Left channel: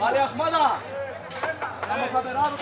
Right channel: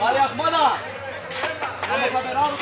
Ali Ahmada, vamos a ver algo.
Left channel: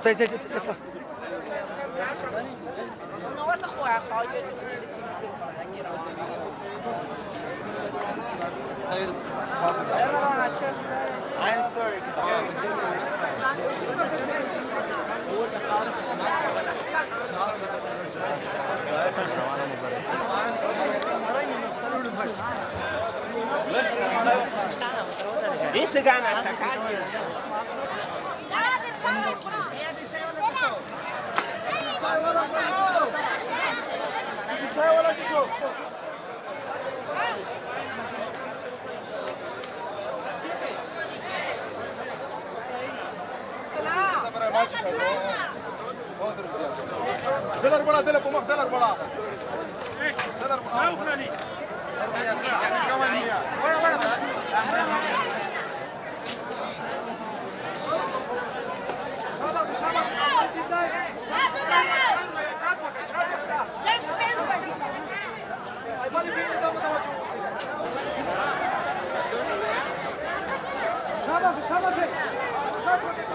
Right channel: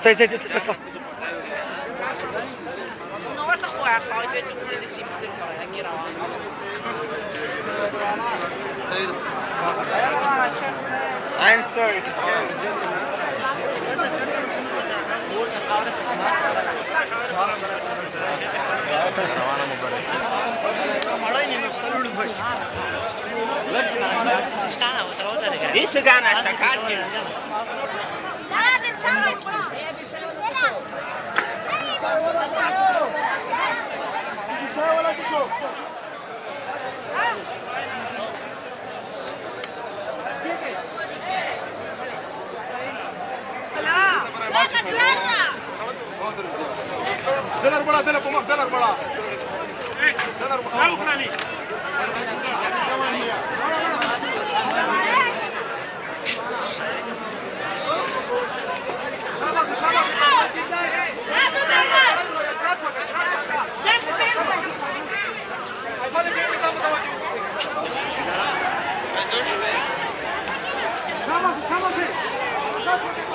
Sai, sai, sai, sai, sai. Una volta qua poi due sicuri di sì, per fare la gira. I'm sorry. Isso ganha esta carne. دلار بڑا دلار بڑا دلار بڑا دلار بڑا شاباش